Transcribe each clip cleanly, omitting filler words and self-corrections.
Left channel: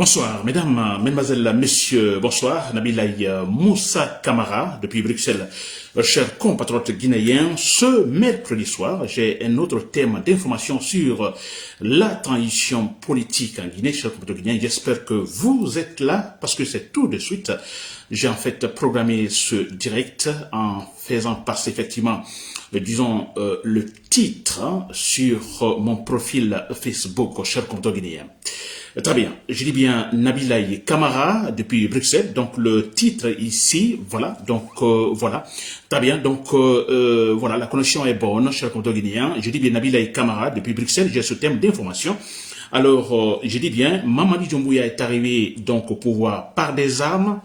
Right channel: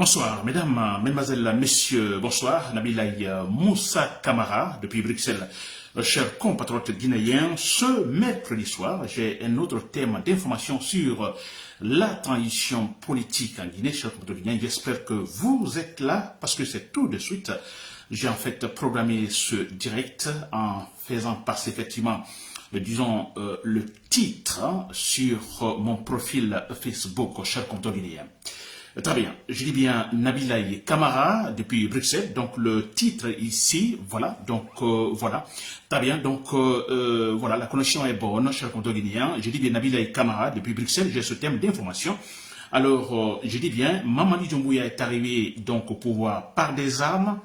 Bonsoir, mesdames, mesdemoiselles, messieurs, bonsoir. Nabilaï Moussa Kamara, depuis Bruxelles. Chers compatriotes guinéens, ce mercredi soir, j'ai un autre thème d'information sur la transition politique en Guinée. Chers compatriotes guinéens, j'espère que vous êtes là parce que c'est tout de suite. J'ai en fait programmé ce direct en faisant passer effectivement, le titre sur mon profil Facebook, chers compatriotes guinéens. Très bien, je dis bien Nabilaï Kamara depuis Bruxelles, donc le titre ici, voilà, voilà, très bien, voilà, la connexion est bonne, chers compatriotes guinéens, je dis bien Nabilaï Kamara depuis Bruxelles, j'ai ce thème d'information. Alors, je dis bien, Mamadi Doumbouya est arrivé donc au pouvoir par des armes,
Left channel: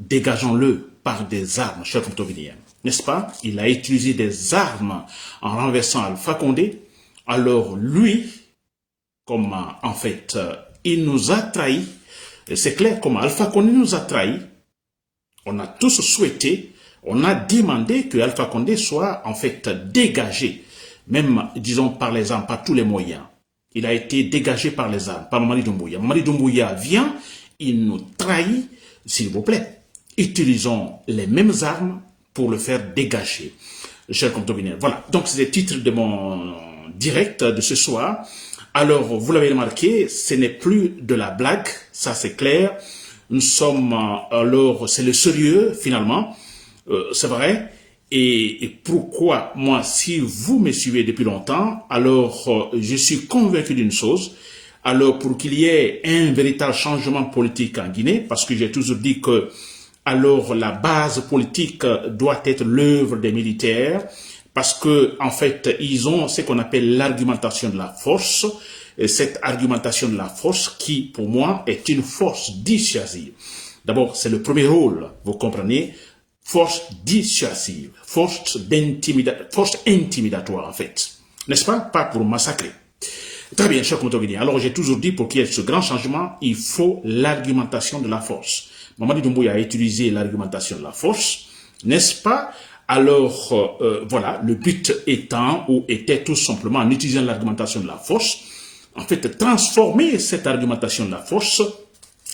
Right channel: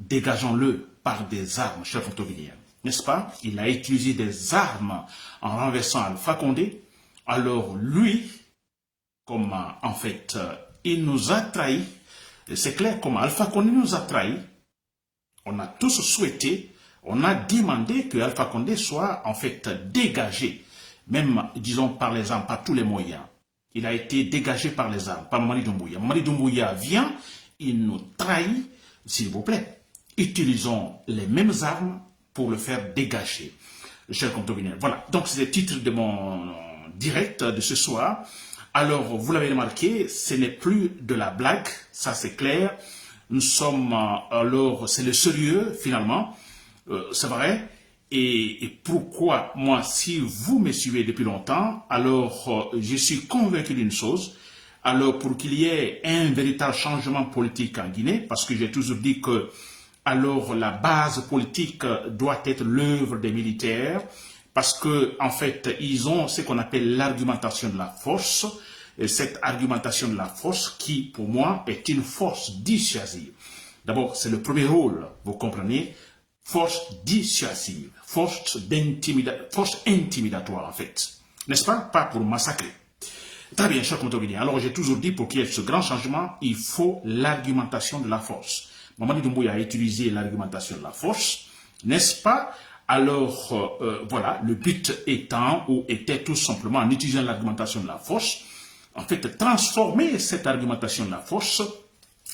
dégageons-le par des armes, chers compatriotes guinéens, n'est-ce pas? Il a utilisé des armes en renversant Alpha Condé, alors lui, comme en fait, il nous a trahis. C'est clair, comme Alpha Condé nous a trahis, on a tous souhaité, on a demandé que Alpha Condé soit en fait dégagé, même, disons, par les armes, par tous les moyens. Il a été dégagé par les armes, par Mamadi Doumbouya. Mamadi Doumbouya vient, il nous trahit, s'il vous plaît. Utilisons les mêmes armes pour le faire dégager. Chers compatriotes, voilà. Donc, c'est le titre de mon direct de ce soir. Alors, vous l'avez remarqué, ce n'est plus de la blague, ça c'est clair. Nous sommes, alors, c'est le sérieux, finalement, c'est vrai. Et pourquoi, moi, si vous me suivez depuis longtemps, alors, je suis convaincu d'une chose. Alors, pour qu'il y ait un véritable changement politique en Guinée, parce que j'ai toujours dit que, alors, la base politique doit être l'œuvre des militaires, parce que en fait, ils ont ce qu'on appelle l'argumentation de la force, et cette argumentation de la force qui, pour moi, est une force dissuasive. D'abord, c'est le premier rôle, vous comprenez, force dissuasive, force intimidatoire, en fait. N'est-ce pas? Pas pour massacrer. Très bien, chers compatriotes guinéens. Alors, j'ai toujours dit, pour qu'il y ait ce grand changement, il faut l'argumentation de la force. Mamadi Doumbouya a utilisé l'argumentation de la force, n'est-ce pas? Alors, voilà, le but étant, ou était tout simplement, en utilisant l'argumentation de la force, en fait, transformer cette argumentation de la force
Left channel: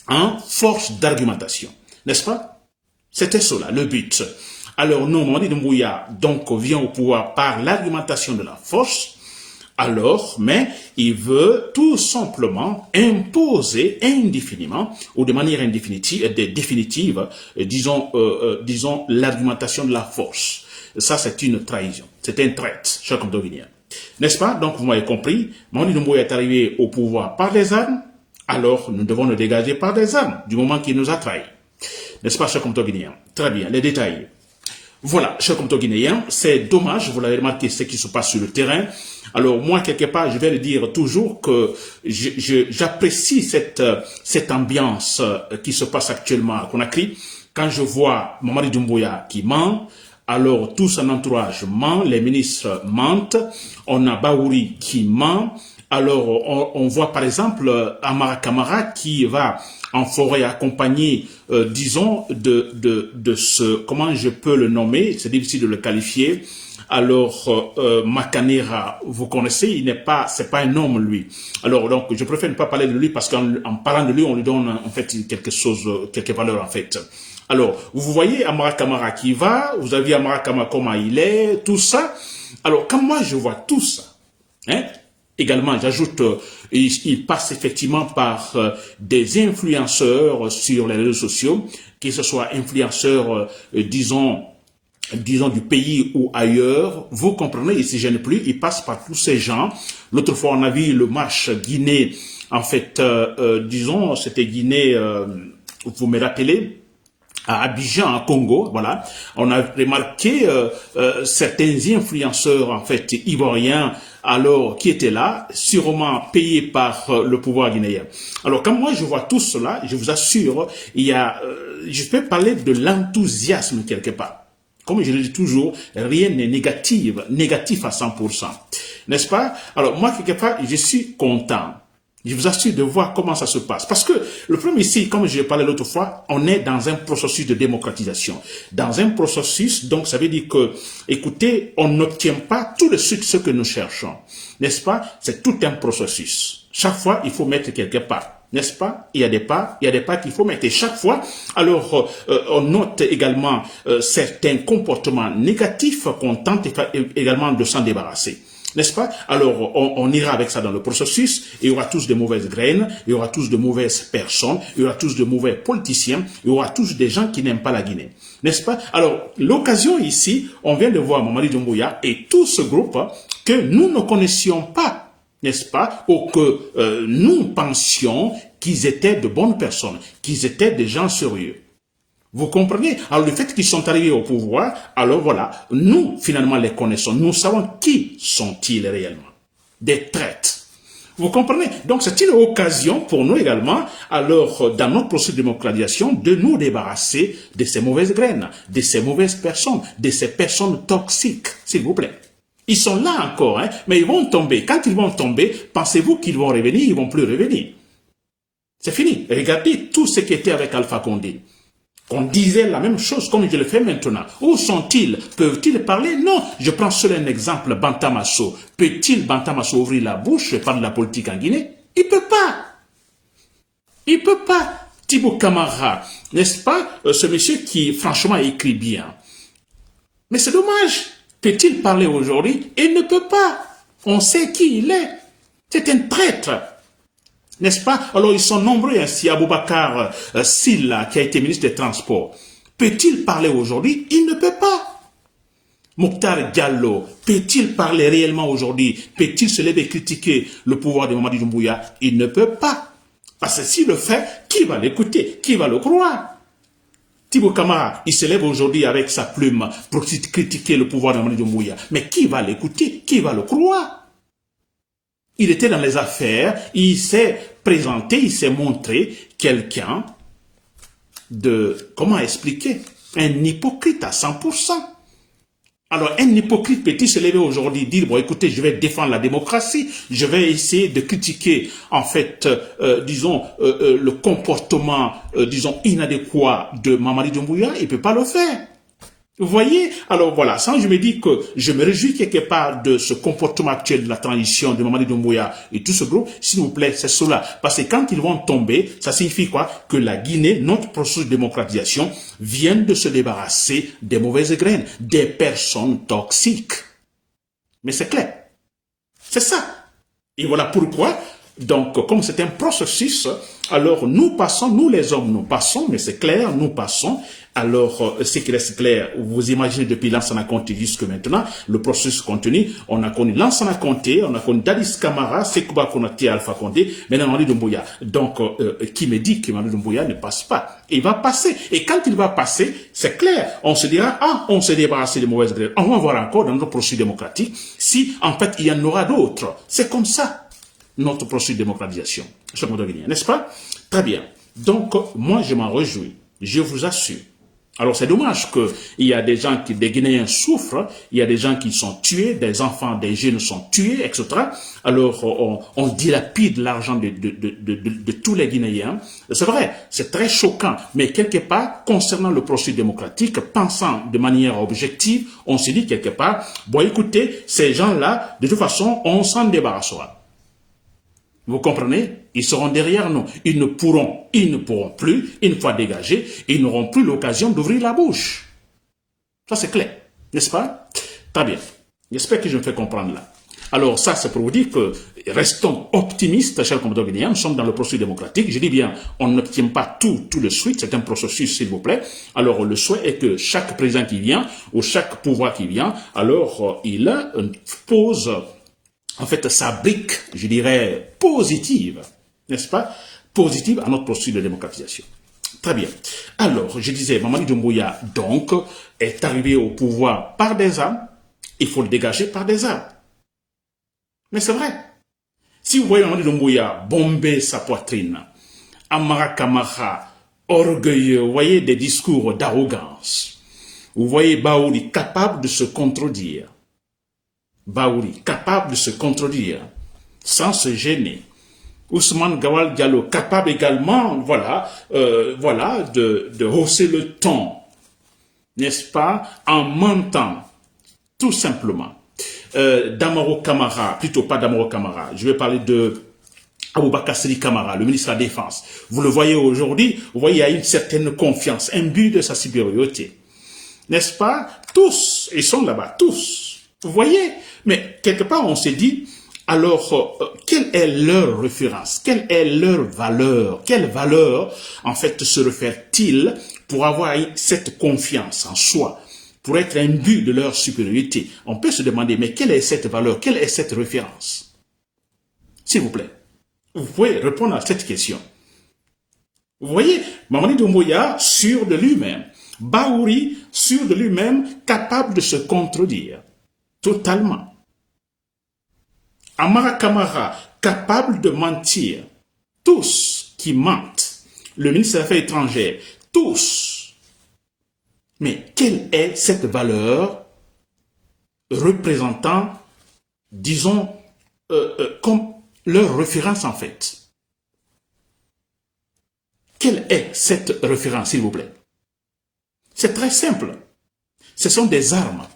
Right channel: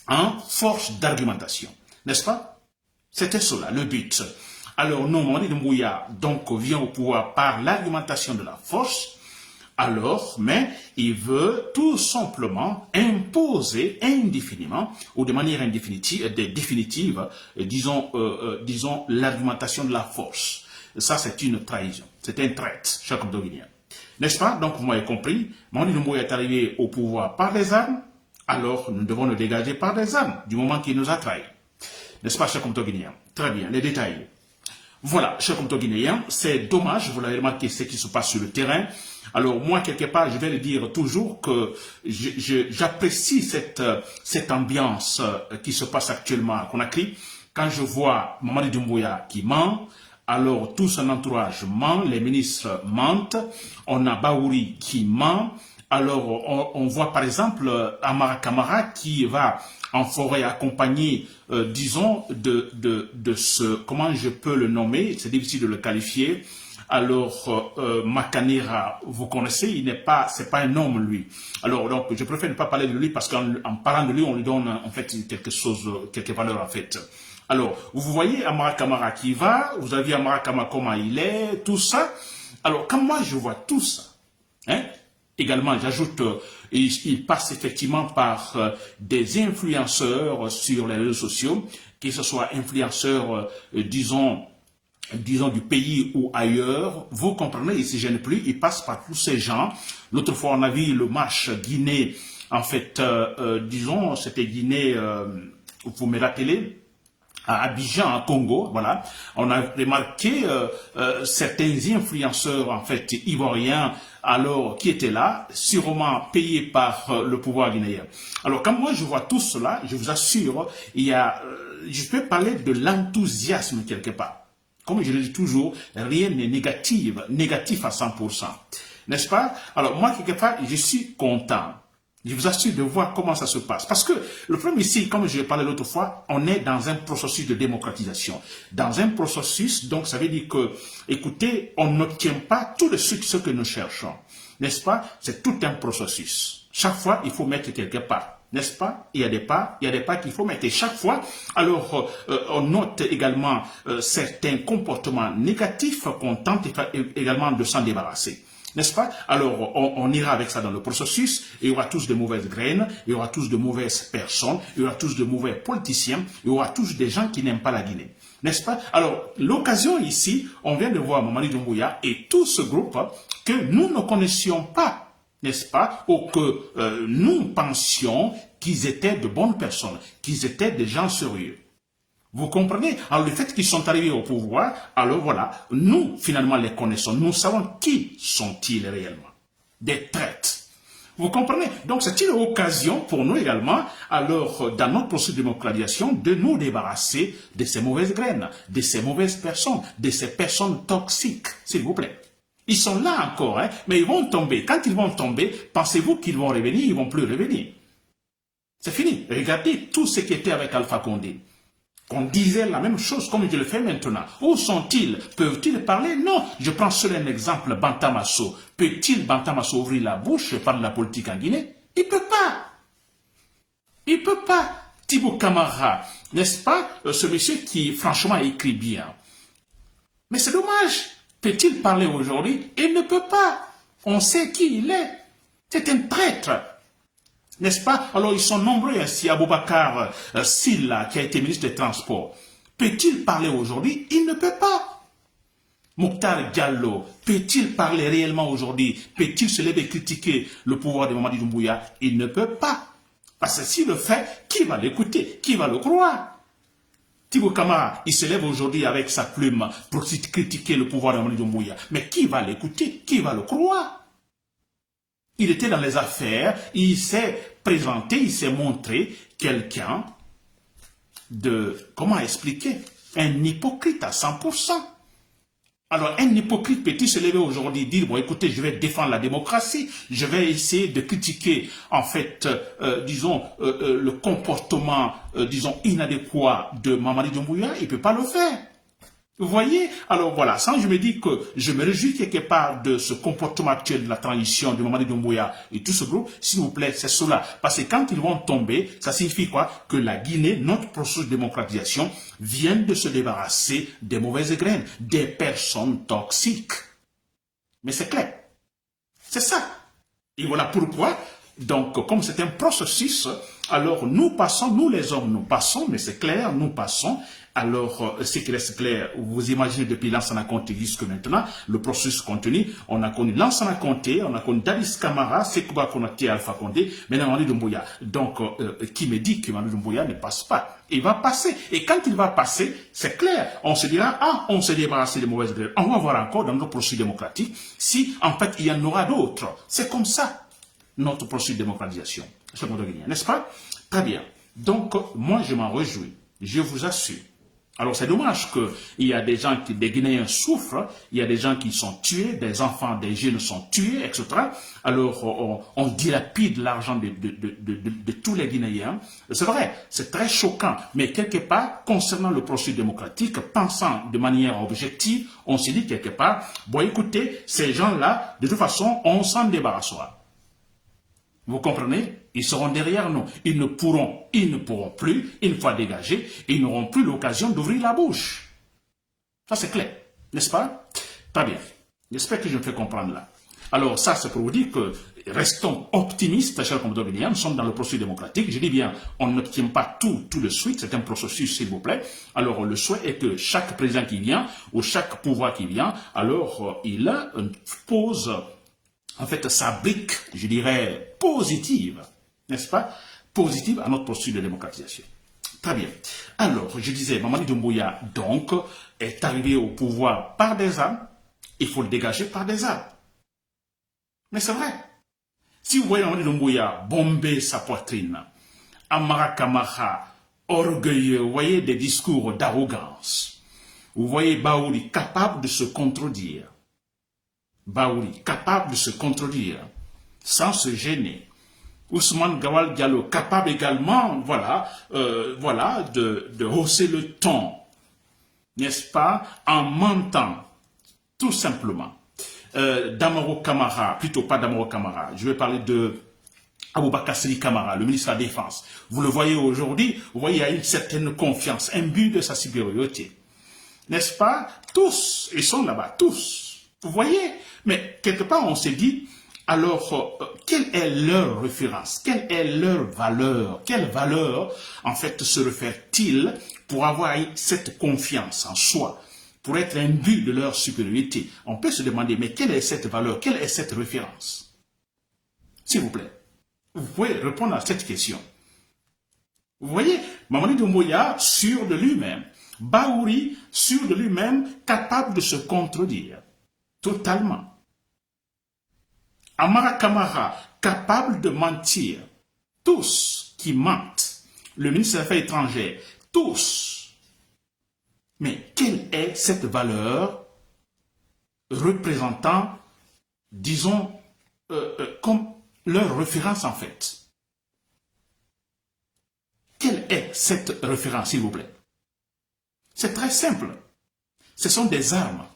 en force d'argumentation. N'est-ce pas? C'était cela, le but. Alors, non, Mamadi Doumbouya, donc, vient au pouvoir par l'argumentation de la force, alors, mais il veut tout simplement imposer indéfiniment ou de manière définitive, disons l'argumentation de la force. Ça, c'est une trahison. C'est un traître, chers compatriotes guinéens. N'est-ce pas? Donc, vous m'avez compris, Mamadi Doumbouya est arrivé au pouvoir par des armes, alors nous devons le dégager par des armes, du moment qu'il nous a trahis. N'est-ce pas, chers compatriotes guinéens? Très bien, les détails. Voilà, chers compatriotes guinéens, c'est dommage, vous l'avez remarqué, ce qui se passe sur le terrain. Alors, moi, quelque part, je vais le dire toujours que j'apprécie cette ambiance qui se passe actuellement à Conakry. Quand je vois Mamadi Doumbouya qui ment, alors tout son entourage ment, les ministres mentent, on a Baouri qui ment, alors on voit par exemple Amara Kamara qui va en forêt accompagné, disons, de ce, comment je peux le nommer, c'est difficile de le qualifier. Alors, Makanera, vous connaissez, c'est pas un homme, lui. Alors, donc, je préfère ne pas parler de lui parce qu'en parlant de lui, on lui donne, en fait, quelques valeurs, en fait. Alors, vous voyez Amara Kamara qui va, vous avez Amara Kamara comment il est, tout ça. Alors, quand moi, je vois tout ça, hein, également, j'ajoute, il passe effectivement par des influenceurs sur les réseaux sociaux, que ce soit influenceurs, disons du pays ou ailleurs, vous comprenez, il ne se gêne plus, il passe par tous ces gens. L'autre fois, on a vu le match Guinée, en fait, disons, c'était Guinée, vous me rappelez, à Abidjan, en Congo, voilà. On a remarqué certains influenceurs, en fait, ivoiriens, alors, qui étaient là, sûrement payés par le pouvoir guinéen. Alors, quand moi je vois tout cela, je vous assure, il y a, je peux parler de l'enthousiasme quelque part. Comme je le dis toujours, rien n'est négatif à 100%. N'est-ce pas? Alors, moi, quelque part, je suis content. Je vous assure de voir comment ça se passe. Parce que le problème ici, comme je l'ai parlé l'autre fois, on est dans un processus de démocratisation. Dans un processus, donc ça veut dire que, écoutez, on n'obtient pas tout de suite ce que nous cherchons. N'est-ce pas? C'est tout un processus. Chaque fois, il faut mettre quelque part. N'est-ce pas? Il y a des pas qu'il faut mettre. Et chaque fois, alors, on note également certains comportements négatifs qu'on tente également de s'en débarrasser. N'est-ce pas? Alors, on ira avec ça dans le processus. Il y aura tous de mauvaises graines, il y aura tous de mauvaises personnes, il y aura tous de mauvais politiciens, il y aura tous des gens qui n'aiment pas la Guinée. N'est-ce pas? Alors, l'occasion ici, on vient de voir Mamadi Doumbouya et tout ce groupe que nous ne connaissions pas, n'est-ce pas? Ou que nous pensions qu'ils étaient de bonnes personnes, qu'ils étaient des gens sérieux. Vous comprenez? Alors, le fait qu'ils sont arrivés au pouvoir, alors voilà, nous, finalement, les connaissons. Nous savons qui sont-ils réellement. Des traîtres. Vous comprenez? Donc, c'est une occasion pour nous également, alors, dans notre processus de démocratisation, de nous débarrasser de ces mauvaises graines, de ces mauvaises personnes, de ces personnes toxiques, s'il vous plaît. Ils sont là encore, hein, mais ils vont tomber. Quand ils vont tomber, pensez-vous qu'ils vont revenir? Ils ne vont plus revenir. C'est fini. Regardez tout ce qui était avec Alpha Condé. On disait la même chose comme je le fais maintenant. Où sont-ils? Peuvent-ils parler? Non. Je prends seul un exemple, Bantamasso. Peut-il Bantamasso ouvrir la bouche et parler de la politique en Guinée? Il ne peut pas. Il ne peut pas. Thibaut Camara, n'est-ce pas? Ce monsieur qui, franchement, écrit bien. Mais c'est dommage. Peut-il parler aujourd'hui? Il ne peut pas. On sait qui il est. C'est un traître. N'est-ce pas? Alors, ils sont nombreux ainsi. Aboubacar Silla, qui a été ministre des Transports. Peut-il parler aujourd'hui? Il ne peut pas. Mokhtar Diallo, peut-il parler réellement aujourd'hui? Peut-il se lever et critiquer le pouvoir de Mamadi Doumbouya? Il ne peut pas. Parce que s'il le fait, qui va l'écouter? Qui va le croire? Thibaut Camara, il se lève aujourd'hui avec sa plume pour critiquer le pouvoir de Mamadi Doumbouya. Mais qui va l'écouter? Qui va le croire? Il était dans les affaires, il s'est présenté, il s'est montré quelqu'un de, comment expliquer, un hypocrite à 100%. Alors, un hypocrite peut-il se lever aujourd'hui et dire, bon, écoutez, je vais défendre la démocratie, je vais essayer de critiquer, en fait, disons, le comportement, disons, inadéquat de Mamadi Doumbouya, il ne peut pas le faire. Vous voyez? Alors voilà, sans je me dis que je me réjouis quelque part de ce comportement actuel de la transition de Mamadi Doumbouya et tout ce groupe, s'il vous plaît, c'est cela. Parce que quand ils vont tomber, ça signifie quoi? Que la Guinée, notre processus de démocratisation, vient de se débarrasser des mauvaises graines, des personnes toxiques. Mais c'est clair. C'est ça. Et voilà pourquoi, donc, comme c'est un processus, alors nous passons, nous les hommes, nous passons, mais c'est clair, nous passons. Alors, ce qui reste clair, vous imaginez depuis Lansana Conté jusque maintenant, le processus continue. On a connu Lansana Conté, on a connu Dadis Camara, Sekouba Konaté, Alpha Condé, maintenant Mamadi Doumbouya. Donc, qui me dit que Mamadi Doumbouya ne passe pas? Il va passer. Et quand il va passer, c'est clair, on se dira, ah, on s'est débarrassé des mauvaises graines. On va voir encore dans notre processus démocratique si, en fait, il y en aura d'autres. C'est comme ça, notre processus de démocratisation. N'est-ce pas? Très bien. Donc, moi, je m'en réjouis. Je vous assure. Alors, c'est dommage qu'il y a des gens des Guinéens souffrent, il y a des gens qui sont tués, des enfants, des jeunes sont tués, etc. Alors, on dilapide l'argent de tous les Guinéens. C'est vrai, c'est très choquant, mais quelque part, concernant le processus démocratique, pensant de manière objective, on se dit quelque part, bon, écoutez, ces gens-là, de toute façon, on s'en débarrassera. Vous comprenez? Ils seront derrière nous. Ils ne pourront plus, une fois dégagés, ils n'auront plus l'occasion d'ouvrir la bouche. Ça, c'est clair. N'est-ce pas? Très bien. J'espère que je me fais comprendre là. Alors, ça, c'est pour vous dire que restons optimistes, chers compatriotes guinéens. Nous sommes dans le processus démocratique. Je dis bien, on n'obtient pas tout de suite. C'est un processus, s'il vous plaît. Alors, le souhait est que chaque président qui vient, ou chaque pouvoir qui vient, alors, il pose en fait, sa brique, je dirais, positive, n'est-ce pas? Positive à notre processus de démocratisation. Très bien. Alors, je disais, Mamadi Doumbouya, donc, est arrivé au pouvoir par des armes. Il faut le dégager par des armes. Mais c'est vrai. Si vous voyez Mamadi Doumbouya bomber sa poitrine, Amara Kamara, orgueilleux, vous voyez des discours d'arrogance. Vous voyez Baouli capable de se contredire. Baouli, capable de se contredire, sans se gêner. Ousmane Gawal Diallo, capable également, voilà, de hausser le ton, n'est-ce pas, en mentant, tout simplement. Damaro Camara, plutôt pas Damaro Camara, je vais parler de Aboubakar Sidi Kamara, le ministre de la Défense. Vous le voyez aujourd'hui, vous voyez, il y a une certaine confiance, un but de sa supériorité. N'est-ce pas? Tous, ils sont là-bas, tous. Vous voyez? Mais quelque part, on s'est dit, alors, quelle est leur référence? Quelle est leur valeur? Quelle valeur, en fait, se réfèrent-ils pour avoir cette confiance en soi, pour être un but de leur supériorité? On peut se demander, mais quelle est cette valeur? Quelle est cette référence? S'il vous plaît, vous pouvez répondre à cette question. Vous voyez, Mamadi Doumbouya, sûr de lui-même. Bahouri, sûr de lui-même, capable de se contredire. Totalement. Amara Kamara, capable de mentir. Tous qui mentent. Le ministre des Affaires étrangères, tous. Mais quelle est cette valeur représentant, disons, comme leur référence en fait? Quelle est cette référence, s'il vous plaît? C'est très simple. Ce sont des armes.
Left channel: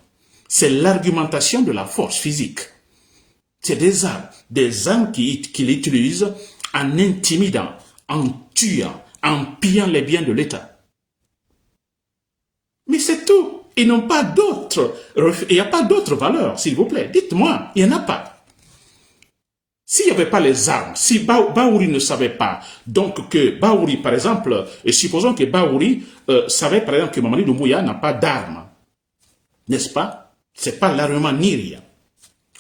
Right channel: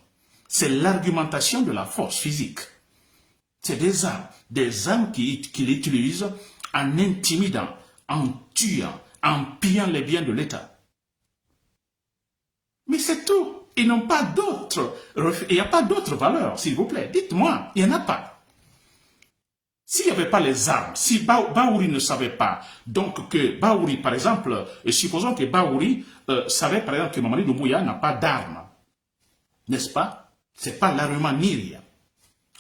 C'est l'argumentation de la force physique. C'est des armes qu'il utilise en intimidant, en tuant, en pillant les biens de l'État. Mais c'est tout. Ils n'ont pas d'autres. Il n'y a pas d'autres valeurs, s'il vous plaît. Dites-moi, il n'y en a pas. S'il n'y avait pas les armes, si Bahouri ne savait pas, donc que Bahouri, par exemple, supposons que Bahouri savait, par exemple, que Mamadi Doumbouya n'a pas d'armes, n'est-ce pas? Ce n'est pas l'armement ni rien.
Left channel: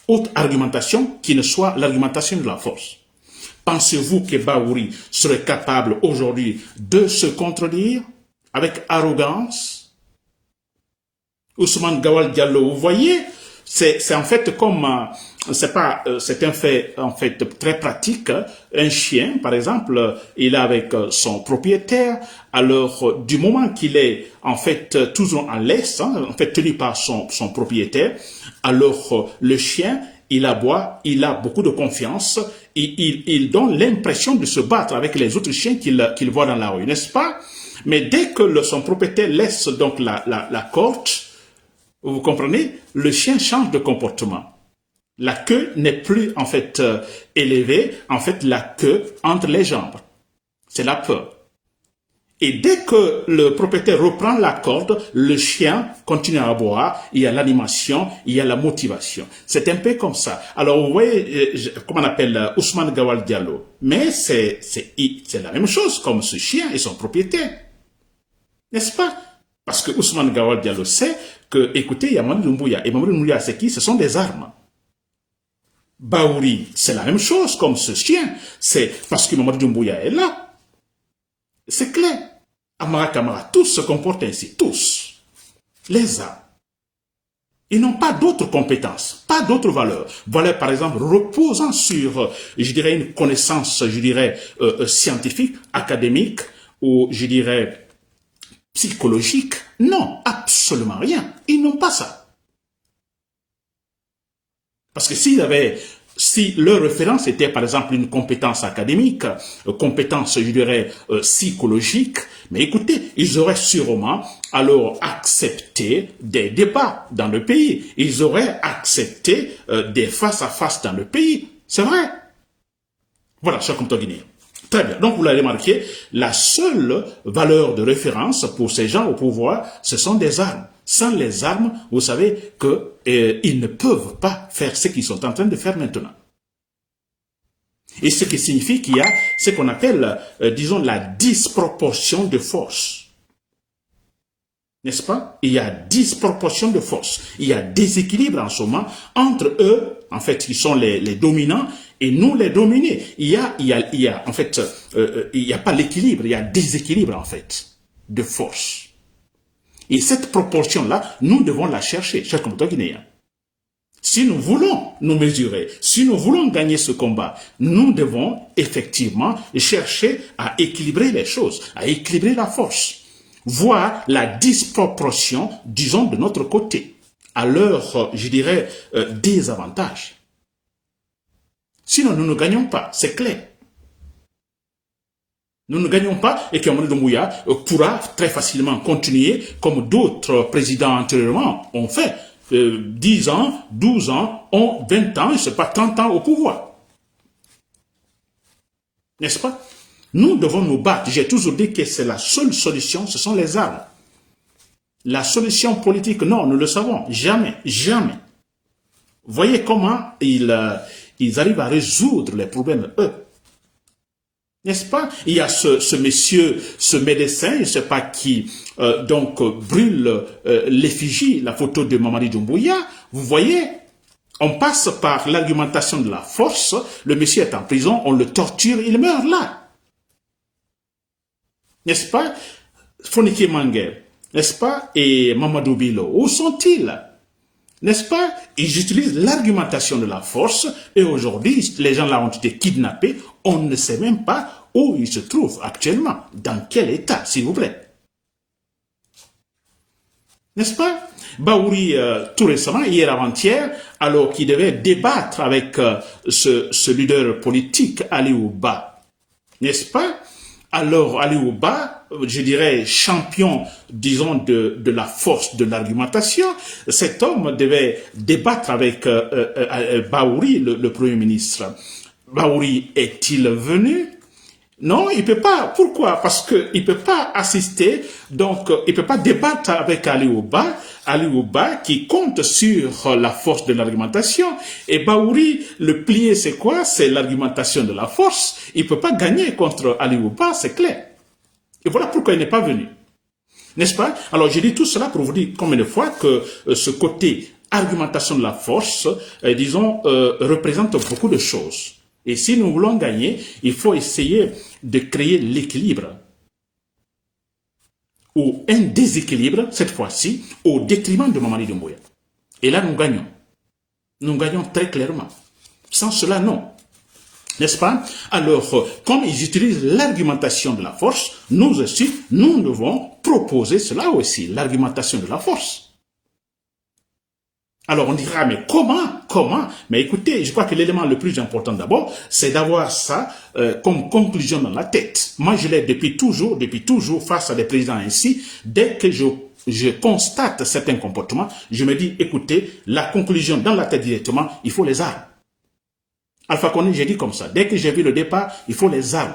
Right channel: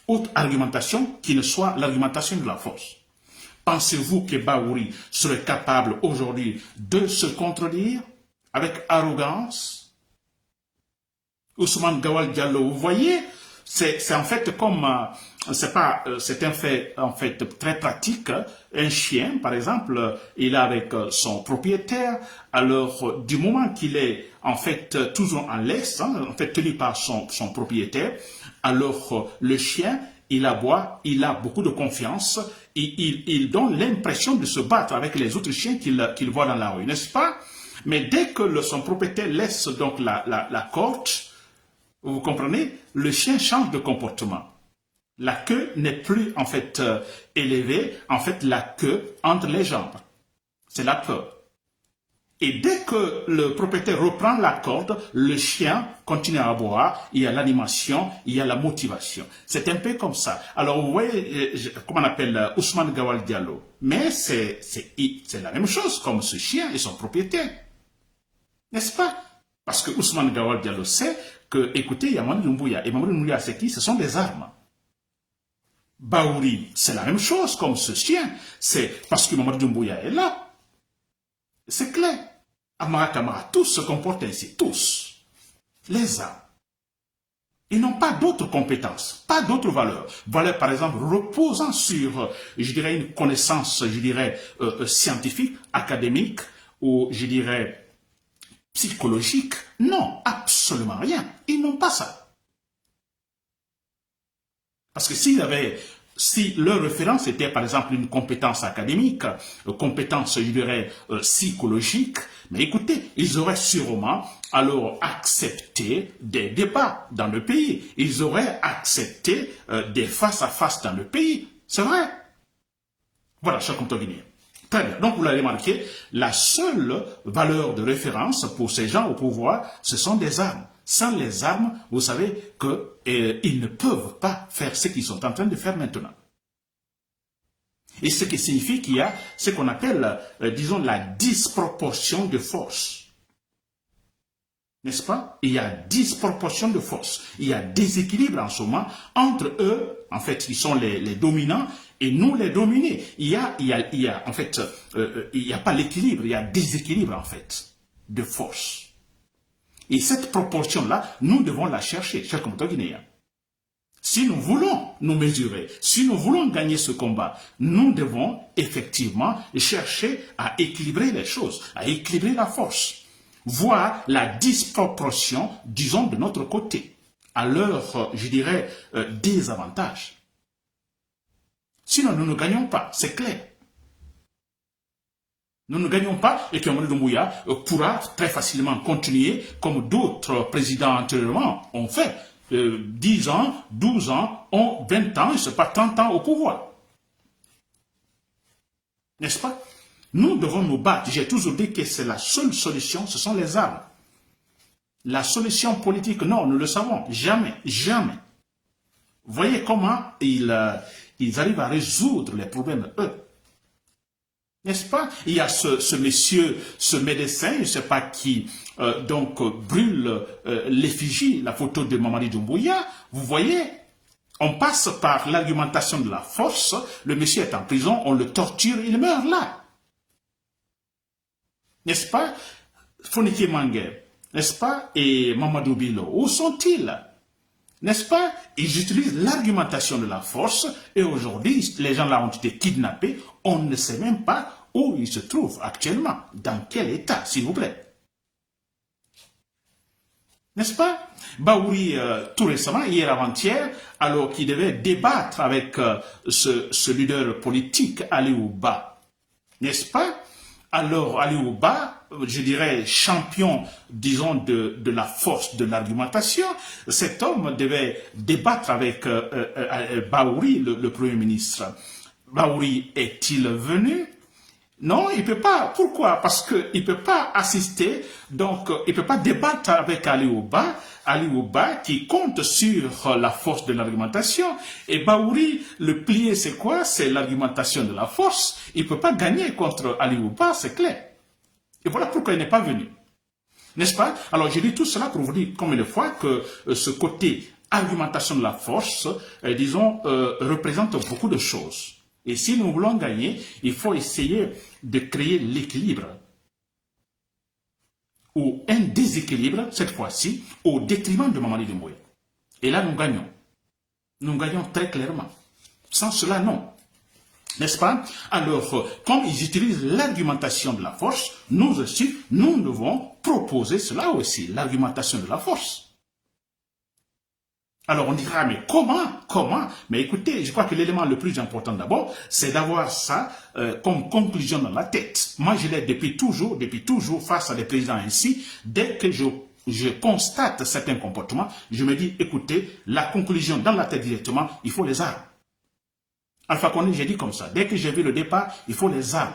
Autre argumentation qui ne soit l'argumentation de la force. Pensez-vous que Bahouri serait capable aujourd'hui de se contredire avec arrogance? Ousmane Gawal Diallo, vous voyez, c'est en fait comme, c'est un fait en fait très pratique. Un chien, par exemple, il est avec son propriétaire. Alors, du moment qu'il est en fait toujours en laisse, en fait tenu par son propriétaire, alors le chien, il aboie, il a beaucoup de confiance, il donne l'impression de se battre avec les autres chiens qu'il voit dans la rue, n'est-ce pas? Mais dès que son propriétaire laisse donc la corde, vous comprenez, le chien change de comportement. La queue n'est plus en fait élevée, en fait la queue entre les jambes. C'est la peur. Et dès que le propriétaire reprend la corde, le chien continue à aboyer, il y a l'animation, il y a la motivation. C'est un peu comme ça. Alors vous voyez, comment on appelle Ousmane Gawal Diallo, mais c'est la même chose comme ce chien et son propriétaire. N'est-ce pas? Parce que Ousmane Gawal Diallo sait que, écoutez, il y a Mamadi Doumbouya. Et Mamadi Doumbouya, c'est qui? Ce sont des armes. Bahouri, c'est la même chose comme ce chien. C'est parce que Mamadi Doumbouya est là. C'est clair. Amara Kamara, tous se comportent ainsi. Tous. Les armes. Ils n'ont pas d'autres compétences, pas d'autres valeurs. Valeurs, par exemple, reposant sur, je dirais, une connaissance, je dirais, scientifique, académique, ou, je dirais, psychologique. Non, absolument rien. Ils n'ont pas ça. Parce que si leur référence était par exemple une compétence académique, compétence, je dirais, psychologique, mais écoutez, ils auraient sûrement alors accepté des débats dans le pays. Ils auraient accepté des face-à-face dans le pays. C'est vrai. Voilà, cher compteur guinéen. Très bien. Donc, vous l'avez remarqué, la seule valeur de référence pour ces gens au pouvoir, ce sont des armes. Sans les armes, vous savez qu'ils ne peuvent pas faire ce qu'ils sont en train de faire maintenant. Et ce qui signifie qu'il y a ce qu'on appelle, disons, la disproportion de force. N'est-ce pas? Il y a disproportion de force. Il y a déséquilibre en ce moment entre eux, en fait, qui sont les dominants, et nous les dominés. Il y a en fait, il n'y a pas l'équilibre, il y a déséquilibre, en fait, de force. Et cette proportion-là, nous devons la chercher, chers compatriotes guinéens. Si nous voulons nous mesurer, si nous voulons gagner ce combat, nous devons effectivement chercher à équilibrer les choses, à équilibrer la force, voir la disproportion, disons, de notre côté, à leur, je dirais, désavantage. Sinon, nous ne gagnons pas, c'est clair. Nous ne gagnons pas et que Mamadi Doumbouya pourra très facilement continuer comme d'autres présidents antérieurement ont fait. 10 ans, 12 ans, 20 ans, je ne sais pas, 30 ans au pouvoir. N'est-ce pas? Nous devons nous battre. J'ai toujours dit que c'est la seule solution, ce sont les armes. La solution politique, non, nous le savons. Jamais, jamais. Voyez comment ils arrivent à résoudre les problèmes, eux. N'est-ce pas? Il y a ce monsieur, ce médecin, je ne sais pas qui, brûle l'effigie, la photo de Mamadi Doumbouya. Vous voyez, on passe par l'argumentation de la force. Le monsieur est en prison, on le torture, il meurt là. N'est-ce pas? Fonike Mangue, n'est-ce pas? Et Mamadou Bilo, où sont-ils? N'est-ce pas? Ils utilisent l'argumentation de la force et aujourd'hui, les gens là ont été kidnappés. On ne sait même pas où ils se trouvent actuellement. Dans quel état, s'il vous plaît? N'est-ce pas? Baouri, tout récemment, hier avant-hier, alors qu'il devait débattre avec ce leader politique, Ali Ouba, n'est-ce pas? Alors, Ali Ouba, je dirais champion, disons, de la force de l'argumentation, cet homme devait débattre avec Baouri, le Premier ministre. Baouri est-il venu? Non, il ne peut pas. Pourquoi? Parce qu'il ne peut pas assister, donc il ne peut pas débattre avec Ali Ouba qui compte sur la force de l'argumentation. Et Baouri, le plié, c'est quoi? C'est l'argumentation de la force. Il ne peut pas gagner contre Ali Ouba, c'est clair. Et voilà pourquoi il n'est pas venu. N'est-ce pas? Alors, je dis tout cela pour vous dire combien de fois que ce côté argumentation de la force, disons, représente beaucoup de choses. Et si nous voulons gagner, il faut essayer de créer l'équilibre ou un déséquilibre, cette fois-ci, au détriment de Mamadi Doumbouya. Et là, nous gagnons. Nous gagnons très clairement. Sans cela, non. N'est-ce pas? Alors, comme ils utilisent l'argumentation de la force, nous aussi, nous devons proposer cela aussi, l'argumentation de la force. Alors on dira, mais comment? Mais écoutez, je crois que l'élément le plus important d'abord, c'est d'avoir ça comme conclusion dans la tête. Moi, je l'ai depuis toujours, face à des présidents ainsi, dès que je constate certains comportements, je me dis, écoutez, la conclusion dans la tête directement, il faut les armes. Alpha Condé, j'ai dit comme ça, dès que j'ai vu le départ, il faut les armes.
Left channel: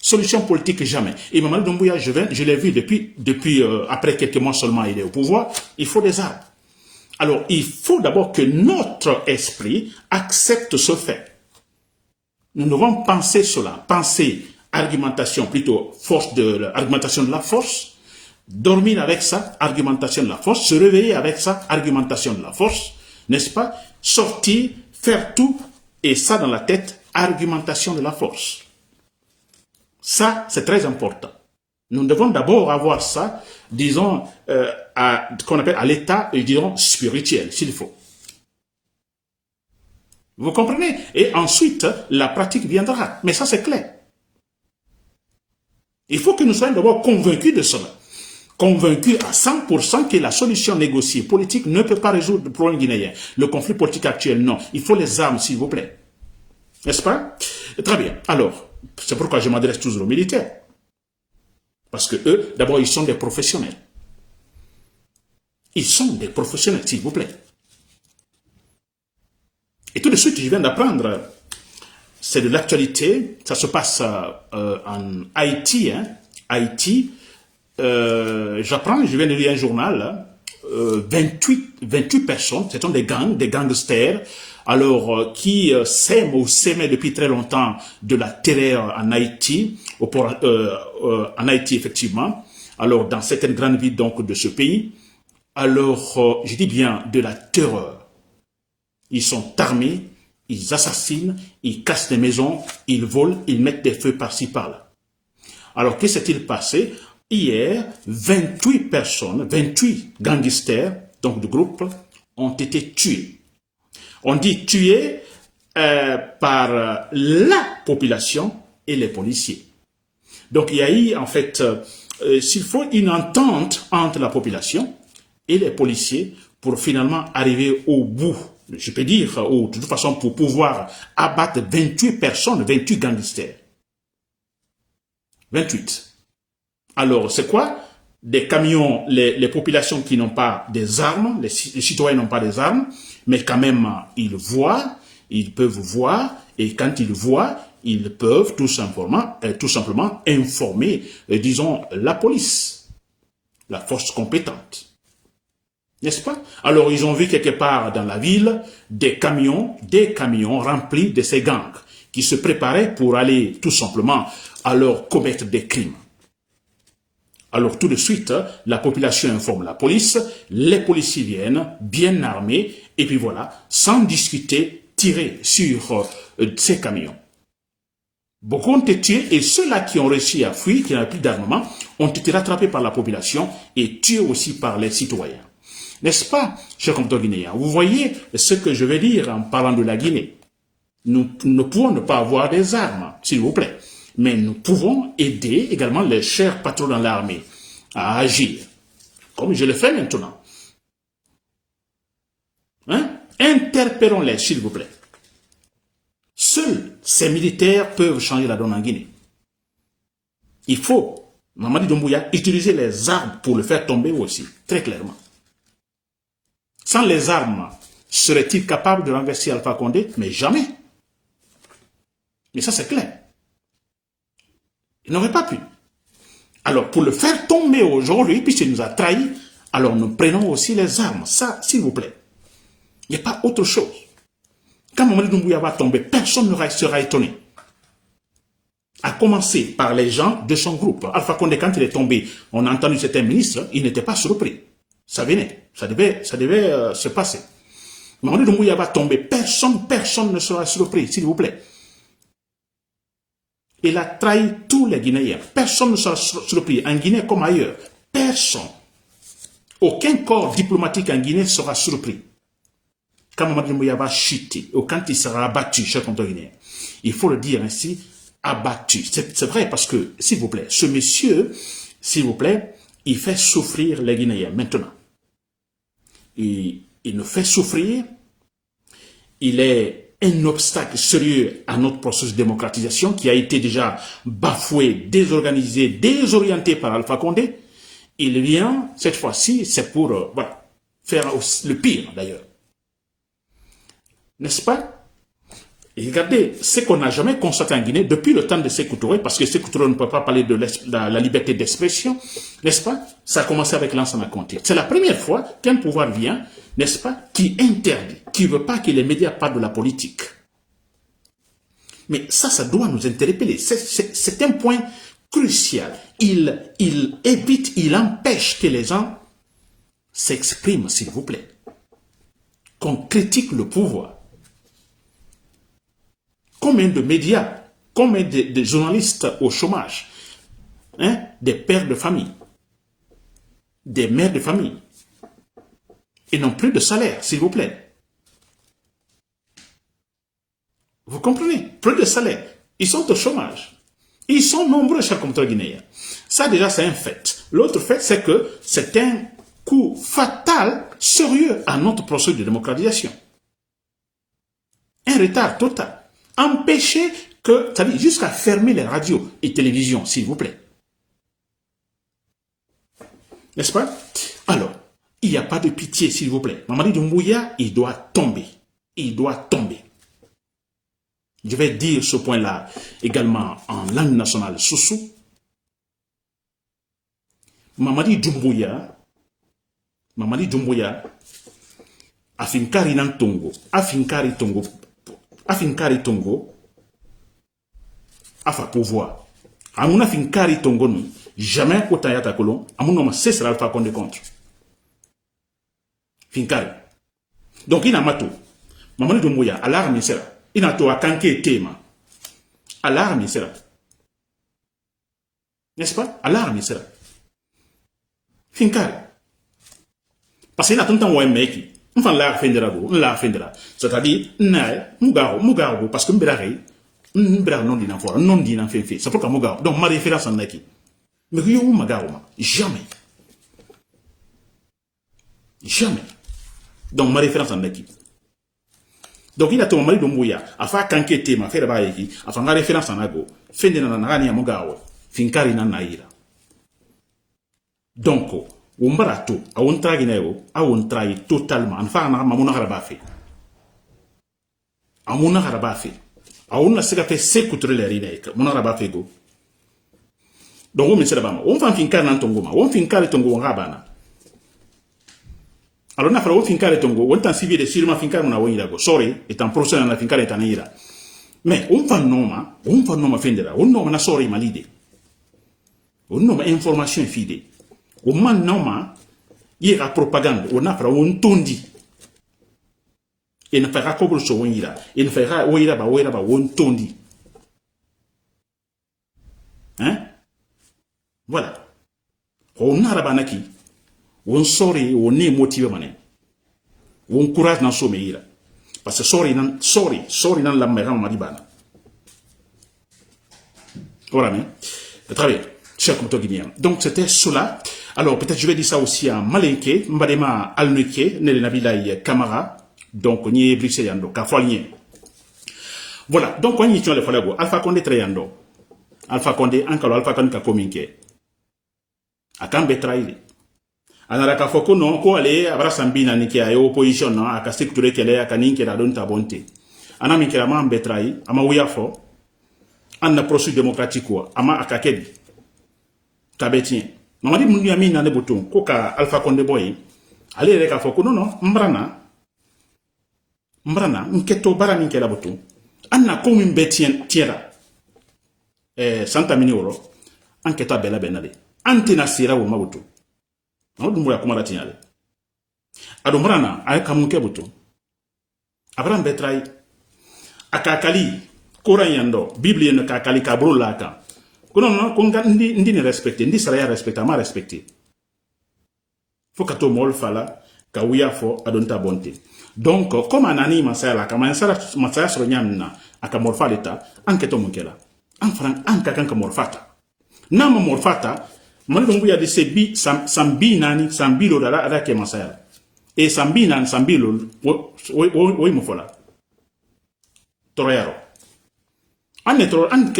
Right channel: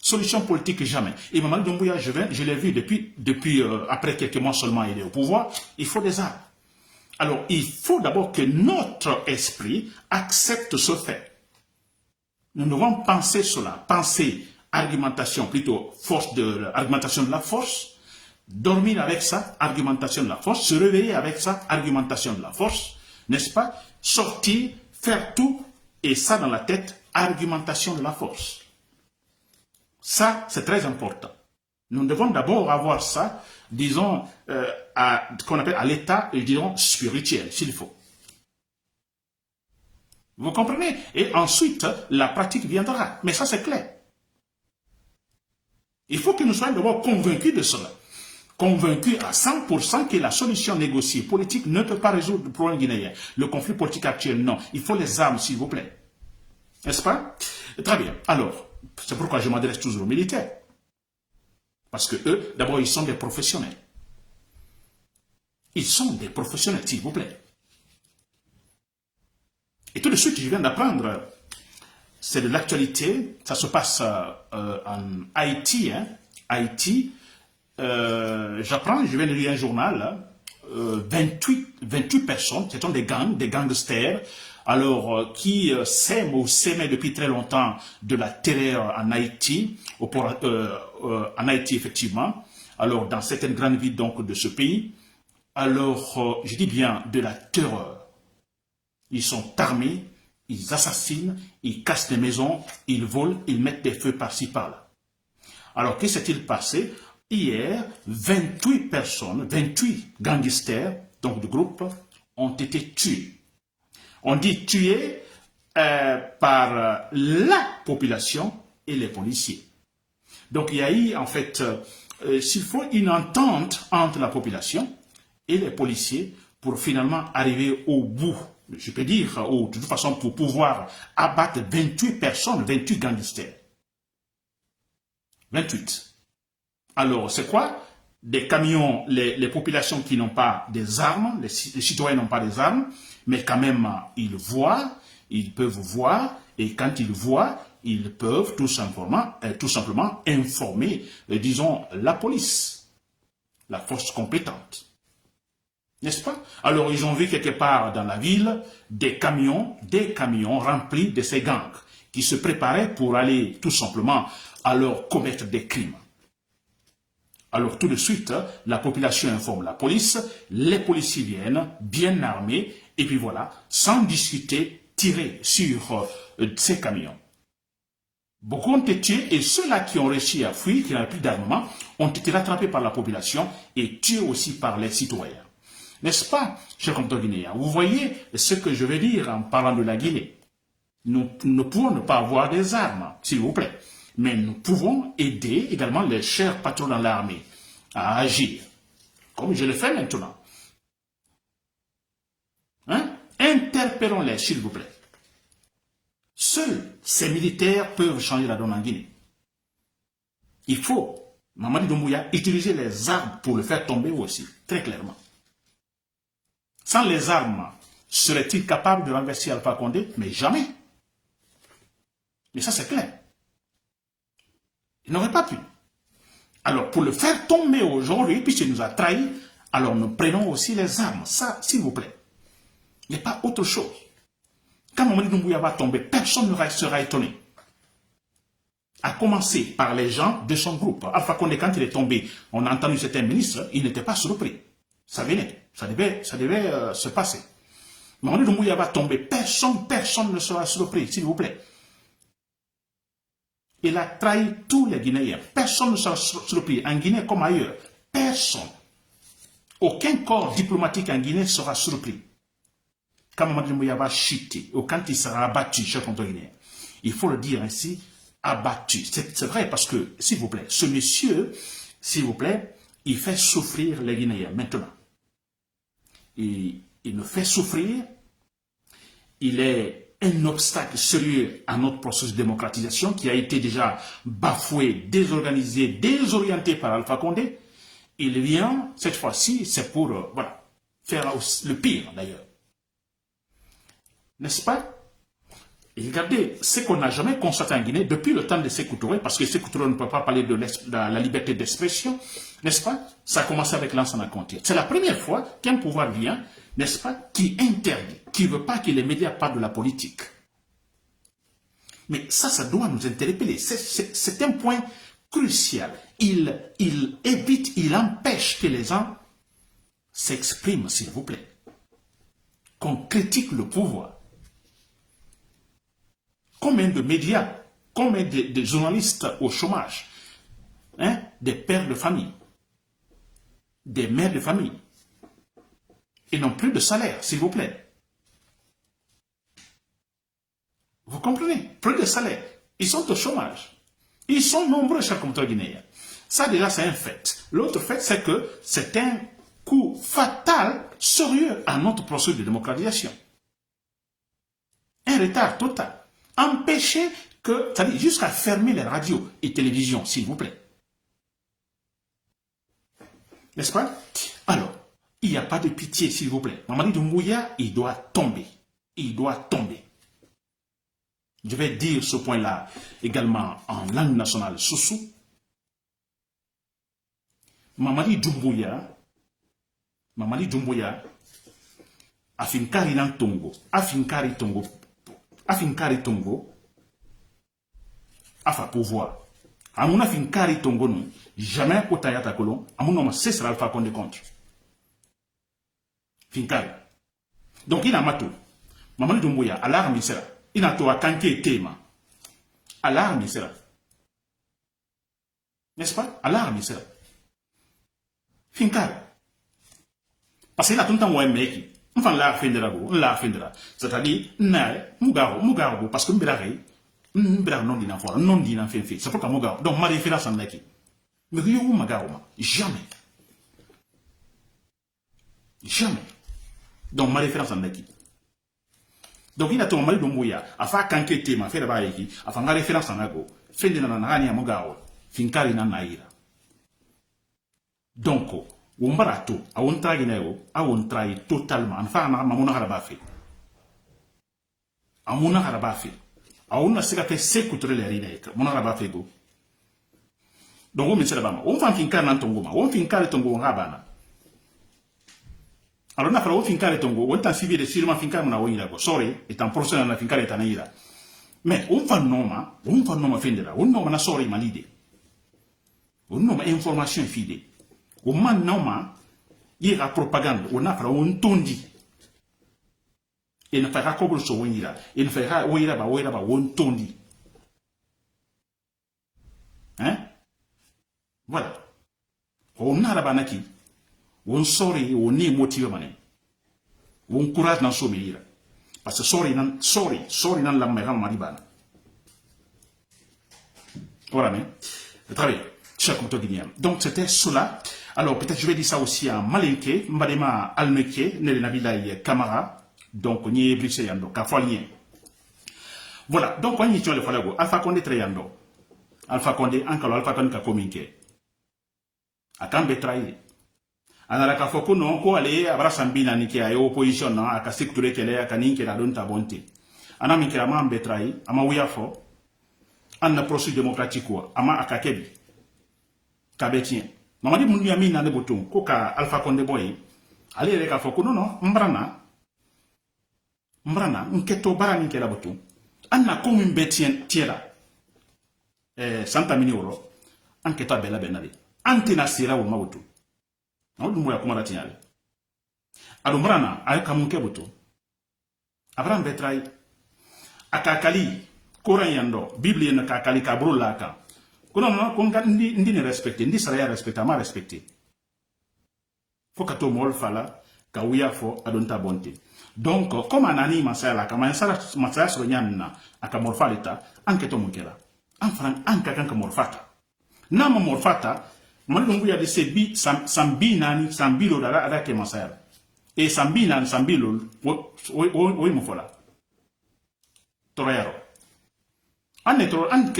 Solution politique, jamais. Et Mamadi Doumbouya, je l'ai vu depuis après quelques mois seulement, il est au pouvoir, il faut des armes. Alors, il faut d'abord que notre esprit accepte ce fait. Nous devons penser cela, penser argumentation, plutôt argumentation de la force, dormir avec ça, argumentation de la force, se réveiller avec ça, argumentation de la force, n'est-ce pas? Sortir, faire tout, et ça dans la tête, argumentation de la force. Ça, c'est très important. Nous devons d'abord avoir ça, disons, qu'on appelle à l'état, disons, spirituel, s'il faut. Vous comprenez? Et ensuite, la pratique viendra. Mais ça, c'est clair. Il faut que nous soyons d'abord convaincus de cela. Convaincus à 100% que la solution négociée politique ne peut pas résoudre le problème guinéen. Le conflit politique actuel, non. Il faut les armes, s'il vous plaît. N'est-ce pas? Très bien. Alors, c'est pourquoi je m'adresse toujours aux militaires. Parce que eux, d'abord, ils sont des professionnels. Ils sont des professionnels, s'il vous plaît. Et tout de suite, je viens d'apprendre, c'est de l'actualité, ça se passe en Haïti. Haïti, j'apprends, je viens de lire un journal, 28 personnes, ce sont des gangsters, alors qui s'aimaient depuis très longtemps de la terreur en Haïti, en Haïti effectivement, alors dans certaines grandes villes donc de ce pays, alors je dis bien de la terreur. Ils sont armés, ils assassinent, ils cassent des maisons, ils volent, ils mettent des feux par-ci par-là. Alors que s'est-il passé? Hier, 28 personnes, 28 gangsters, donc de groupe, ont été tués. On dit tués par la population et les policiers. Donc il y a eu en fait, s'il faut une entente entre la population et les policiers pour finalement arriver au bout, je peux dire, de toute façon pour pouvoir abattre 28 personnes, 28 gangsters. 28. Alors, c'est quoi? Des camions, les populations qui n'ont pas des armes, les citoyens n'ont pas des armes, mais quand même, ils voient, ils peuvent voir, et quand ils voient, ils peuvent tout simplement informer, disons, la police, la force compétente. N'est-ce pas? Alors, ils ont vu quelque part dans la ville des camions remplis de ces gangs qui se préparaient pour aller tout simplement alors commettre des crimes. Alors, tout de suite, la population informe la police, les policiers viennent bien armés et puis voilà, sans discuter, tirer sur ces camions. Beaucoup ont été tués et ceux-là qui ont réussi à fuir, qui n'avaient plus d'armement, ont été rattrapés par la population et tués aussi par les citoyens. N'est-ce pas, chers compatriotes guinéens? Vous voyez ce que je veux dire en parlant de la Guinée. Nous ne pouvons ne pas avoir des armes, s'il vous plaît. Mais nous pouvons aider également les chers patrons dans l'armée à agir, comme je le fais maintenant. Hein? Interpellons-les, s'il vous plaît. Seuls ces militaires peuvent changer la donne en Guinée. Il faut, Mamadi Doumbouya, utiliser les armes pour le faire tomber aussi, très clairement. Sans les armes, serait-il capable de renverser Alpha Condé? Mais jamais. Mais ça, c'est clair. Il n'aurait pas pu. Alors, pour le faire tomber aujourd'hui, puisqu'il nous a trahis, alors nous prenons aussi les armes. Ça, s'il vous plaît. Il n'y a pas autre chose. Quand Mamadi Doumbouya va tomber, personne ne sera étonné. À commencer par les gens de son groupe. Alpha Condé, quand il est tombé, on a entendu certains ministres, il n'était pas surpris. Ça venait. Ça devait se passer. Mamadi Doumbouya va tomber, personne ne sera surpris, s'il vous plaît. Il a trahi tous les Guinéens. Personne ne sera surpris, en Guinée comme ailleurs. Personne. Aucun corps diplomatique en Guinée sera surpris. Quand Mamadi Doumbouya va chuter, ou quand il sera abattu, chers compatriotes guinéens, il faut le dire ainsi, abattu. C'est vrai parce que, s'il vous plaît, ce monsieur, s'il vous plaît, il fait souffrir les Guinéens maintenant. Il nous fait souffrir. Il est un obstacle sérieux à notre processus de démocratisation qui a été déjà bafoué, désorganisé, désorienté par Alpha Condé. Il vient, cette fois-ci, c'est pour voilà, faire le pire d'ailleurs. N'est-ce pas? Et regardez, ce qu'on n'a jamais constaté en Guinée depuis le temps de Sékou Touré, parce que Sékou Touré ne peut pas parler de la liberté d'expression, n'est-ce pas? Ça a commencé avec Lansana Conté. C'est la première fois qu'un pouvoir vient, n'est-ce pas, qui interdit, qui ne veut pas que les médias parlent de la politique. Mais ça doit nous interpeller. C'est un point crucial. Il évite, il empêche que les gens s'expriment, s'il vous plaît. Qu'on critique le pouvoir. Combien de médias, combien de journalistes au chômage, hein, des pères de famille, des mères de famille, et n'ont plus de salaire, s'il vous plaît. Vous comprenez? Plus de salaire. Ils sont au chômage. Ils sont nombreux, chers compatriotes guinéens. Ça, déjà, c'est un fait. L'autre fait, c'est que c'est un coup fatal, sérieux à notre processus de démocratisation. Un retard total. Empêcher que, c'est-à-dire jusqu'à fermer les radios et télévisions, s'il vous plaît. N'est-ce pas? Alors, il n'y a pas de pitié, s'il vous plaît. Mamadi Doumbouya, il doit tomber. Il doit tomber. Je vais dire ce point-là également en langue nationale Soussou. Mamadi Doumbouya, afinkari nan Tongo, afinkari Tongo, afa pouvoir. Amuna finkari Tongo nous, jamais kota yata kolon, amuna ma cessera Alpha Condé contre. Finkari. Donc il a matou. Mamadi Doumbouya, alarme sera. Il a tout à kanké tema. Alarme sera. N'est-ce pas? Alarme sera. Finkari. Parce qu'il a tout le temps un mec. Enfin, la fendera. C'est-à-dire, Mugaro, parce que Mbera non dina fora, non dina fait. C'est pourquoi Mugaro. Donc, ma référence en est. Mais yo Mugaro, jamais. Jamais. Donc, ma référence en est. Donc, il a tout Mamadi Doumbouya, a fait kanké tema, faire ba yeki, a fait la référence en ago, fendera na nani ya Mugaro, finkari na naira. Donc, Umbarato, a un tragineo, a un trahi totalement. En fait, Mamuna Harabafi. Amuna Harabafi. on a fait s'écouter les rinek, mon araba fego. Donc, on met ça là-bas. On fait un fincar dans ton goma. On fait un carré ton goma rabana. Alors, on a fait un fincar ton goma. On t'a suivi de sur ma fincar mon aouïla go. Sorry, est en procès dans la fincar est en ira. Mais, on fait non fendera. On nomme na sorry malide. On nomme information fide. On man nomme, il y a propagande. On a fait un tondi. Et ne fera comme le son ira. Et ne fera ouïla ba on tondi. Hein? Voilà. On a la banaki. On sorry, on est motivé mané. On courage dans son meilleur. Parce que sorry dans la mère maribana. Voilà, mais. Très bien. Cher comte guinéen. Donc, c'était cela. Alors, peut-être je vais dire ça aussi à Malinke, Mbadema Alneke, Nele Nabilaï Kamara. Donc, on y est Bruxelles Yando, Kafolien. Voilà. Donc, on y est le Falago. Alpha Condé Trayando. Alpha Condé, Ankalo, Alpha Condé Kakominke. Akambe trahi. Anaraka foko non ko ale abra sambina ni ke ayo opposition non aka secteur kele aka ninke la don tabonte. Ana min kela ma betrai ama wiya fo anna processus démocratique ko ama aka kedi. Kabetien. Mamadi mundu ya mina ne botun ko ka Alpha Condé boy. Ale reka foko non mbrana nketo bara min kela botun. Anna ko min betien tiera. Santa minioro anketa bela benale. Antina sira wo mabutu. On dumbuya kuma la tinyale. Adumbrana ay kamunke butu. Abraham betrai akakali Koran yando Bible ne kakali kabro laka. Kono no konga ndi ne respecter, ndi sara ya respecter ma respecter. Faut que to mol fala ka wiya fo adonta bonte. Donc comme anani masala kama masala so nyanna aka morfaleta anketo munkela. Anfran anka kanka morfata. Nama morfata Mandungu ya de sebi sambi nani sambilo dala ada ke masaya. E sambi nani sambilo wo mufola. Torero. Anne toro an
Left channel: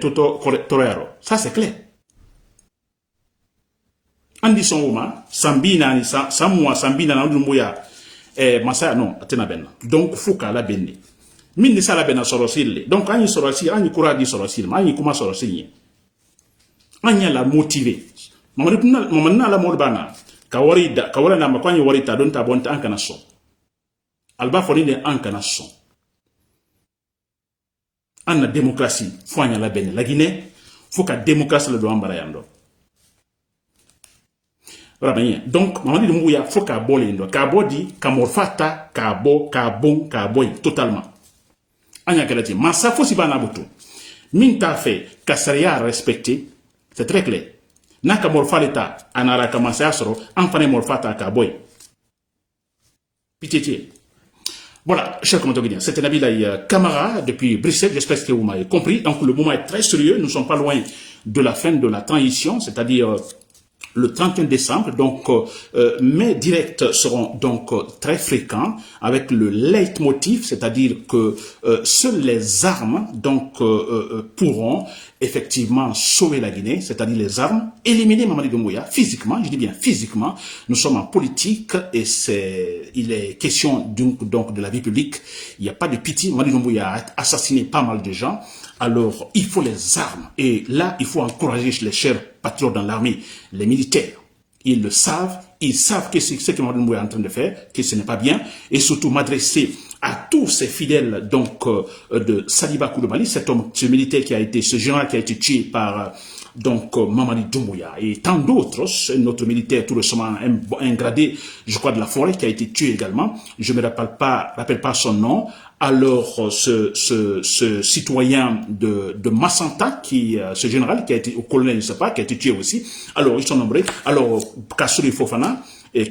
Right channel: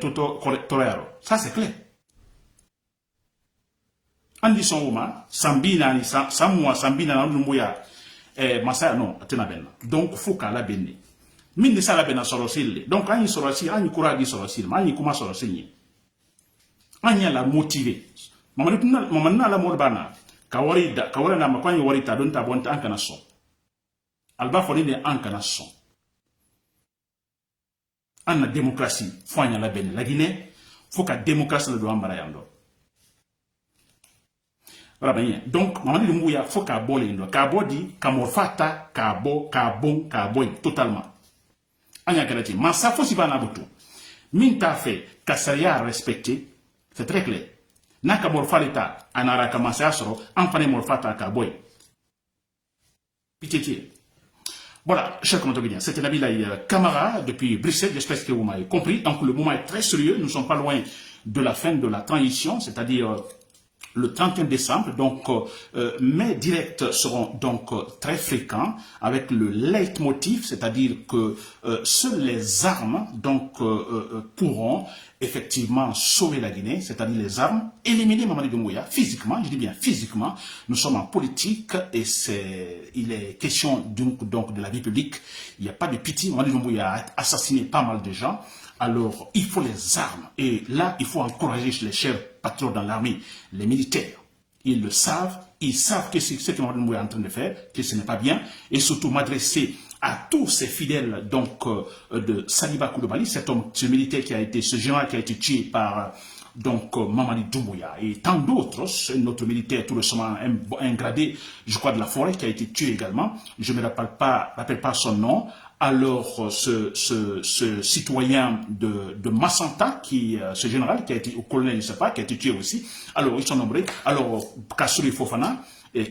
toto torero. Ça c'est clair. Andi son uma sambi nani samwa sambi nani ndumbu ya masaya non atena benna. Donc fuka la benni. Mindi sala benna sorosile. Donc ani sorosile ani courage sorosile, ani kuma sorosile. Anya la motivé. Maman la morbana. Kawara na makwani warita don tabonta ankana son. Alba fonine ankana son. Anna démocratie. Foanya la benne. La Guinée, faut que démocratie le doit embarayando. Donc, maman dit mouya, faut qu'à bolindo. Qu'à bodi, qu'à morfata, qu'à bo, qu'à bon, qu'à boy, totalement. Anya kalati. Masa faut si bana butu. Minta fait, qu'à respecté. C'est très clair. Naka morfaleta anara kamase asro enfane morfata ka boy. Pitié. Voilà, chers commentateurs, c'était Nabilaï Kamara depuis Bruxelles. J'espère que vous m'avez compris. Donc le moment est très sérieux. Nous ne sommes pas loin de la fin de la transition, c'est-à-dire le 31 décembre. Donc mes directs seront donc très fréquents avec le leitmotiv, c'est-à-dire que seules les armes donc pourront effectivement sauver la Guinée, c'est-à-dire les armes, éliminer Mamadi Doumbouya physiquement, je dis bien physiquement. Nous sommes en politique et il est question donc de la vie publique. Il n'y a pas de pitié. Mamadi Doumbouya a assassiné pas mal de gens. Alors, il faut les armes. Et là, il faut encourager les chers patriotes dans l'armée, les militaires. Ils le savent. Ils savent que c'est ce que Mamadi Doumbouya est en train de faire, que ce n'est pas bien. Et surtout m'adresser à tous ces fidèles donc de Saliba Koulibaly, cet homme, ce militaire qui a été, ce général qui a été tué par donc Mamadi Doumbouya et tant d'autres, notre militaire tout récemment un gradé, je crois de la forêt qui a été tué également. Je ne me rappelle pas son nom. Alors ce citoyen de Massanta ce général qui a été au colonel, je ne sais pas, qui a été tué aussi. Alors ils sont nombreux. Alors Kassouri Fofana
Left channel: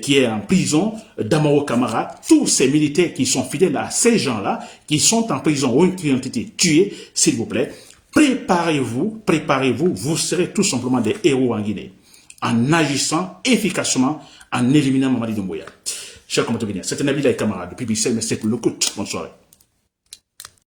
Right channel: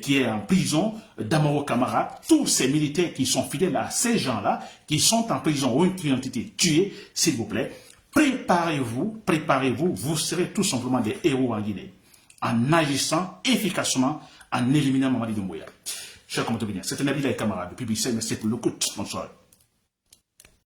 qui est en prison, Damaro Kamara, tous ces militaires qui sont fidèles à ces gens-là, qui sont en prison ou qui ont été tués, s'il vous plaît, préparez-vous, vous serez tout simplement des héros en Guinée, en agissant efficacement, en éliminant Mamadi Doumbouya. Chers compatriotes, c'était Nabilaï Kamara depuis Bruxelles, merci pour le coup. Bonne soirée.